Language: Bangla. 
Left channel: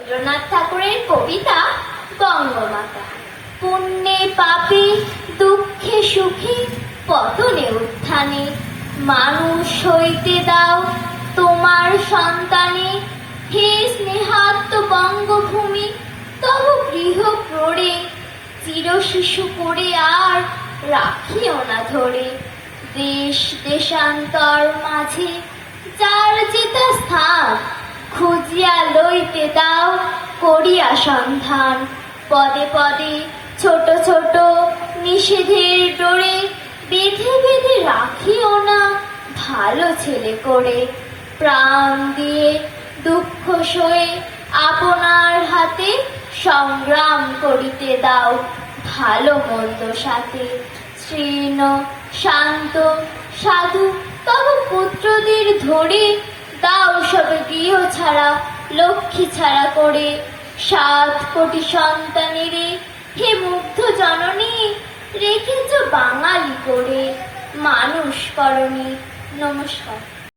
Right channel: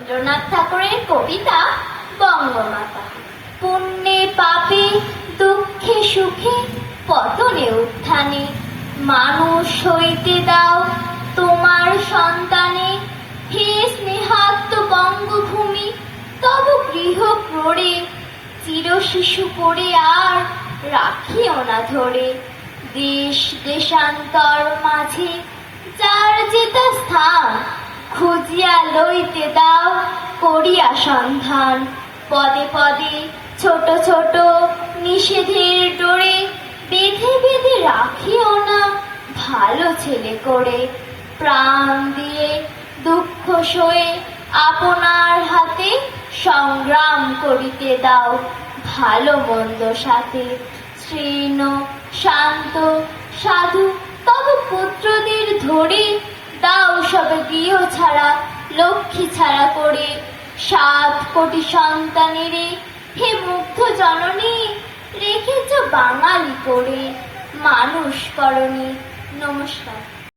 রবীন্দ্রনাথ ঠাকুরের কবিতা বঙ্গমাতা। পুণ্যে পাপে দুঃখে সুখে পতনে উত্থানে মানুষ হইতে দাও তোমার সন্তানে। হে স্নেহাত্ম বঙ্গভূমি, তব গৃহ প্ররে চির শিশু করে আর রাখিও না ধরে। দেশ দেশান্তর মাঝে যার যেটা স্থান খুঁজিয়া লইতে দাও করিয়া সন্ধান। পদে পদে ছোট ছোট নিষেধের ডোরে বেঁধে বেঁধে রাখিও না ভালো ছেলে করে। প্রাণ দিয়ে দুঃখ সয়ে আপনার হাতে সংগ্রাম করিতে দাও ভালো মন্দ সাথে। শীর্ণ শান্ত সাধু তব পুত্রদের ধরে দাও সবে গৃহ ছাড়া লক্ষ্মী ছাড়া করে। 7 কোটি সন্তানেরে হে মুগ্ধ জননী রেখেছ বাঙালি করে মানুষ করণী। নমস্কার।